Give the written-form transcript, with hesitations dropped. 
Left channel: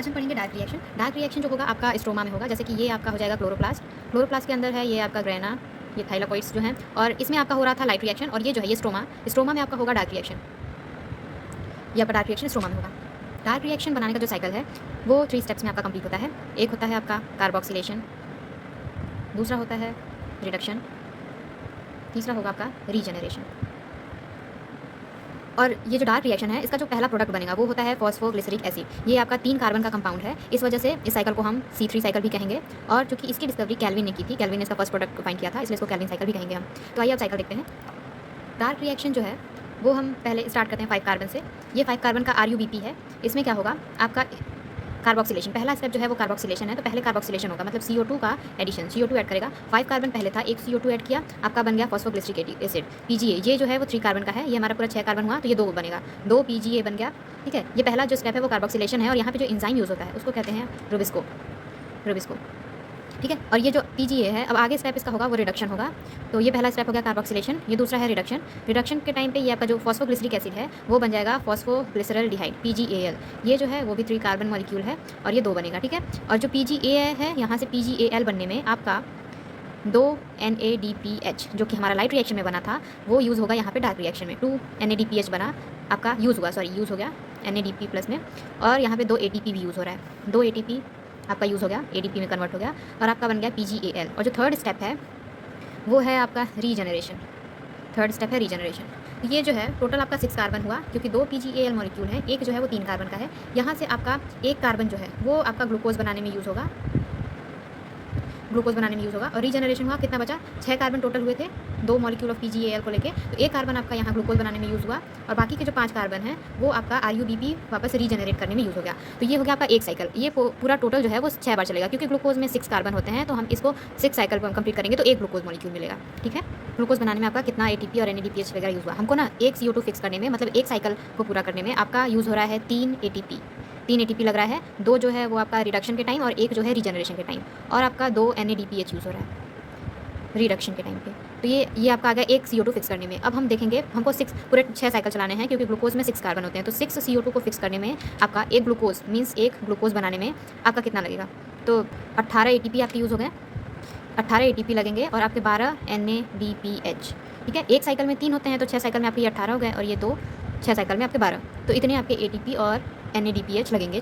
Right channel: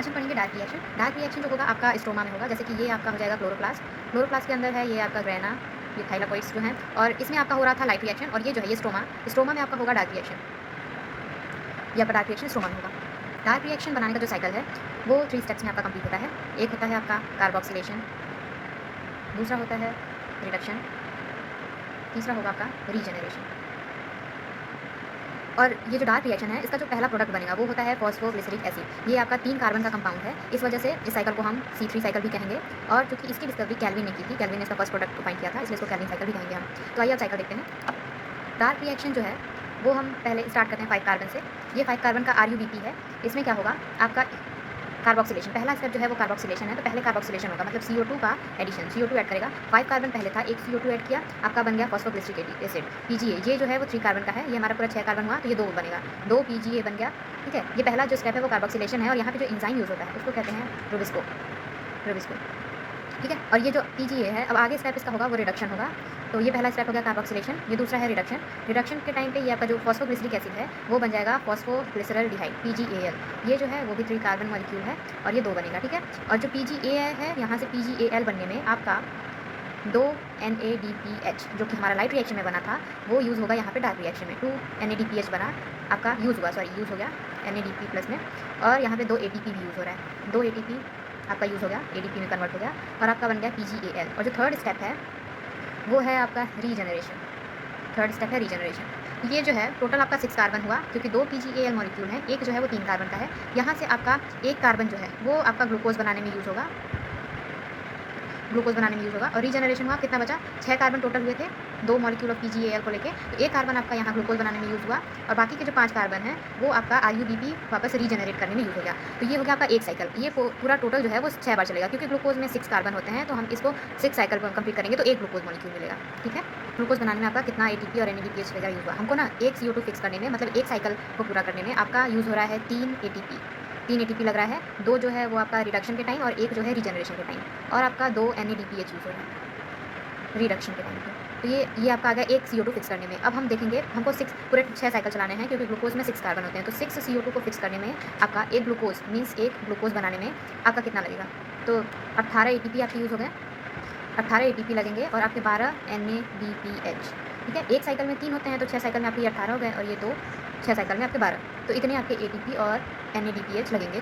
आज हम पढ़ेंगे डार्क रिएक्शन। डार्क रिएक्शन जो होगा आपका स्ट्रोमा में होगा, जैसे कि ये आपका हो जाएगा क्लोरोप्लास्ट। क्लोरोप्लास्ट के अंदर है ये आपका ग्रेना, ये थाइलाकोइड्स जो हैं, और इसमें आपका हो रहा था लाइट रिएक्शन, और ये जो है ये स्ट्रोमा, स्ट्रोमा में आपका होगा डार्क रिएक्शन। ये आपका डार्क रिएक्शन स्ट्रोमा में होगा। डार्क रिएक्शन बनाने का जो साइकिल है वो 3 स्टेप्स में आपका कंप्लीट होता है। एक होता है आपका कार्बोक्सिलेशन, दूसरा होता है रिडक्शन, तीसरा होगा आपका रीजनरेशन। और ये जो डार्क रिएक्शन है इसका जो पहला प्रोडक्ट बनेगा वो होता है फॉस्फोग्लिसरिक एसिड। ये आपका 3 कार्बन का कंपाउंड है, इस वजह से इस साइकिल को हम C3 साइकिल भी कहेंगे। और चूंकि इसकी डिस्कवरी कैल्विन ने की थी, कैल्विन ने इसका फर्स्ट प्रोडक्ट को फाइंड किया था, इसलिए इसको कैल्विन साइकिल भी कहेंगे हम। तो आइए आप साइकिल देखते हैं। डार्क रिएक्शन जो है वो हम पहले स्टार्ट करते हैं 5 कार्बन से। ये 5 कार्बन का RuBP है। इसमें क्या होगा आपका कार्बोक्सिलेशन, पहला स्टेप जो है वो कार्बोक्सिलेशन है, तो पहले कार्बोक्सिलेशन होगा, मतलब CO2 का एडिशन, CO2 ऐड करेगा। 5 कार्बन पहले था, एक CO2 ऐड किया, आपका बन गया फॉस्फोग्लिसरिक एसिड PGA। ये जो है वो 3 कार्बन का है, ये हमारा पूरा 6 कार्बन हुआ, तो ये 2 बनेगा, 2 PGA बन गया। ठीक है, ये पहला जो स्टेप है वो कार्बोक्सिलेशन है, और यहाँ पे जो एंजाइम यूज़ होता है उसको कहते हैं रुबिस्को। ठीक है, और ये जो PGA है, अब आगे स्टेप इसका होगा वो रिडक्शन होगा। तो ये पहला स्टेप हो गया कार्बोक्सिलेशन, ये दूसरा है रिडक्शन। रिडक्शन के टाइम पे ये आपका जो फॉस्फोग्लिसरिक एसिड है वो बन जाएगा फॉस्फोग्लिसरल्डिहाइड PGAL। ये जो है वो भी 3 कार्बन मॉलिक्यूल है, और ये 2 बनेगा। ठीक है, और जो PGA है यहाँ से PGAL बनने में आपका 2 NADPH जो कि हमारा लाइट रिएक्शन में बना था वो यूज़ होगा यहाँ पे डार्क रिएक्शन में। 2 NADPH बना आपका यूज़ हो गया NADP प्लस में, और यहाँ पे 2 ATP भी यूज़ हो रहा है, 2 ATP आपका यूज़ हो गया, ADP में कन्वर्ट हो गया, और आपका बन गया PGAL। और जो थर्ड स्टेप है वो है आपका रीजनरेशन। थर्ड स्टेप है रीजनरेशन। ये जो है टोटल आपका 6 कार्बन हुआ, क्योंकि 2 PGAL मॉलिक्यूल है, एक जो है वो 3 कार्बन का है। यहाँ से आपका 1 कार्बन जो है वो आपका ग्लूकोज बनाने में यूज़ होगा, और रीजनरेशन हुआ, कितना बचा, 6 कार्बन टोटल हुए थे 2 मॉलिक्यूल ऑफ PGAL को लेके, तो 1 कार्बन आपका यहाँ ग्लूकोज बनाने में यूज़ हुआ, और बाकी के जो 5 कार्बन है वो आपका RuBP वापस रीजनरेट करने में यूज़ हो गया। तो ये हो गया आपका एक साइकिल। ये पूरा टोटल जो है वो 6 बार चलेगा, क्योंकि ग्लूकोज में 6 कार्बन होते हैं, तो हम इसको 6 साइकिल कंप्लीट करेंगे तो 1 ग्लूकोज मॉलिक्यूल मिलेगा। ठीक है, ग्लूकोज बनाने में आपका कितना ATP और NADPH वगैरह यूज़ हुआ, हमको ना एक CO2 फिक्स करने में, मतलब एक साइकिल को पूरा करने में आपका यूज़ हो रहा है 3 ATP लग रहा है। 2 जो है वो आपका रिडक्शन के टाइम, और 1 जो है रीजनरेशन के टाइम, और आपका 2 NADPH यूज़ हो रहा है रिडक्शन के टाइम पे। तो ये आपका आ गया एक CO2 फिक्स करने में। अब हम देखेंगे, हमको 6 पूरे 6 साइकिल चलाने हैं, क्योंकि ग्लूकोज में 6 कार्बन होते हैं, तो 6 CO2 को फिक्स करने में आपका एक ग्लूकोज मीन्स एक ग्लूकोज बनाने में आपका कितना लगेगा, तो 18 ATP आपके यूज़ हो गए, 18 ATP लगेंगे, और आपके 12 NADPH। ठीक है, एक साइकिल में 3 होते हैं, तो 6 साइकिल में आपके ये 18 हो गए, और ये 2, 6 साइकिल में आपके 12, तो इतने आपके ATP और NADPH लगेंगे।